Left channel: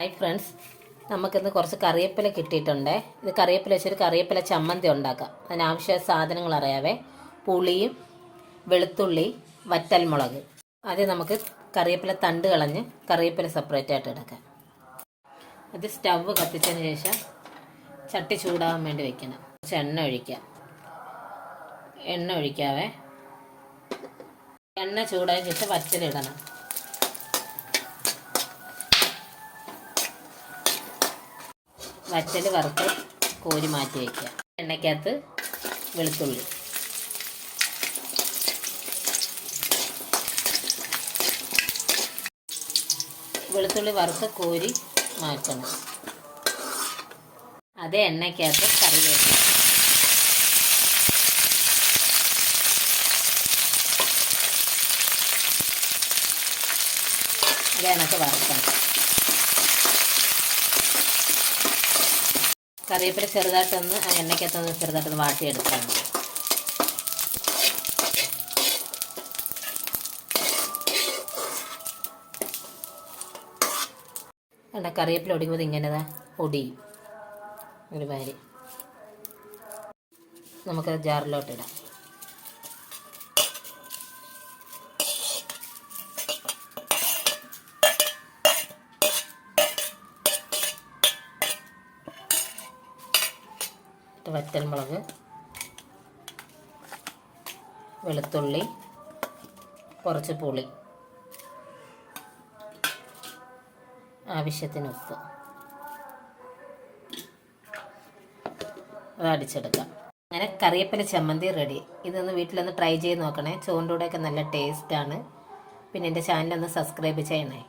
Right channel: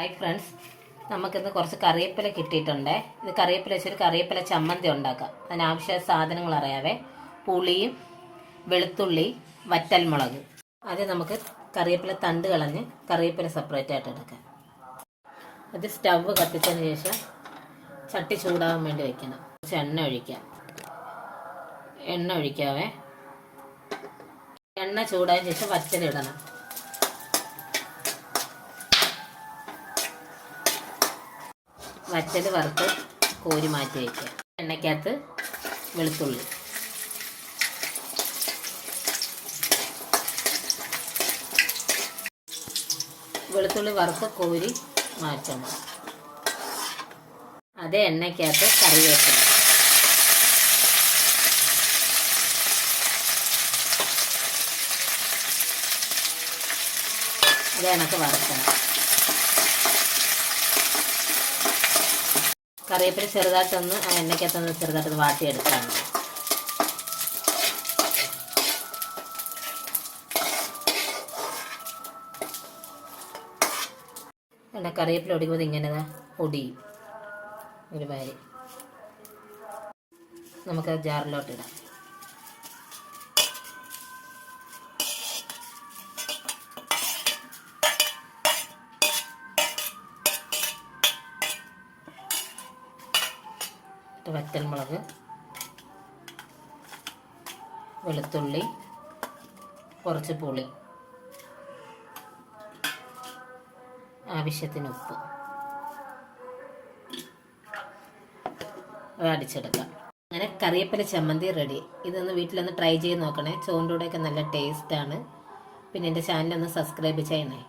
Hi friends, നമുക്കിന്ന് കുറച്ച് കറിവേപ്പില കിട്ടിയിട്ടുണ്ട്. ഇത് കറിവേപ്പില വെച്ചൊരു കറിവേപ്പില ചമ്മന്തി ഉണ്ടാക്കാം. അതിനാവശ്യ സാധനങ്ങൾ അറിയാവേ. പുളിയും വെളുത്തുള്ളി, വറ്റൽമുളക്. ആദ്യം നമുക്ക് കറിവേപ്പില തണ്ട് കളഞ്ഞ് കറിവേപ്പില സെപ്പറേറ്റ് ആയിട്ട് എടുക്കാം. അത് സ്റ്റവ് കത്തിച്ചതിന് ശേഷം ചട്ടി ചൂടാകാൻ വേണ്ടി വെക്കണം. കുറച്ച് എണ്ണ ഒഴിക്കാവേ. എണ്ണ ചൂടായതിനു ശേഷം വറ്റലിടണം. വറ്റൽ വറുത്ത് കോരി മാറ്റി വയ്ക്കുക. എണ്ണയ്ക്കകത്ത് വെളുത്തുള്ളി, വറുത്ത് കോരി മാറ്റണം. അതേ എണ്ണയ്ക്കകത്ത് കറിവേപ്പില, അത് കണക്ക് വറുക്കണം. കറിവേപ്പില ചെറുതായിട്ടൊന്ന് എണ്ണയ്ക്കകത്തൊന്ന് ചെറുതായിട്ടൊന്ന് വാട്ടിയെടുക്കാണ്. കറിവേപ്പില ഒടിക്കുമ്പോൾ ഇങ്ങനെ ഒടിയും ഒരു മാതിരി. നമുക്കത് ജാറിലോട്ട് ഇടാം. വറ്റൽമുളക്, വെളുത്തുള്ളി, കുറച്ച് പുളി, ആവശ്യത്തിന് ഉപ്പ്, അത് അടിച്ചെടുക്കാം. അങ്ങനെ കറിവേപ്പില ചമ്മന്തി റെഡി. ഇതൊന്ന് വീട്ടിലൊന്ന് ട്രൈ ചെയ്ത് നോക്കണേ. ചോറിൻ്റെ കൂടെയൊക്കെ നല്ല ടേസ്റ്റാണ്. പിന്നെ എൻ്റെ ചാനലൊന്ന് സബ്സ്ക്രൈബ് ചെയ്യണേ.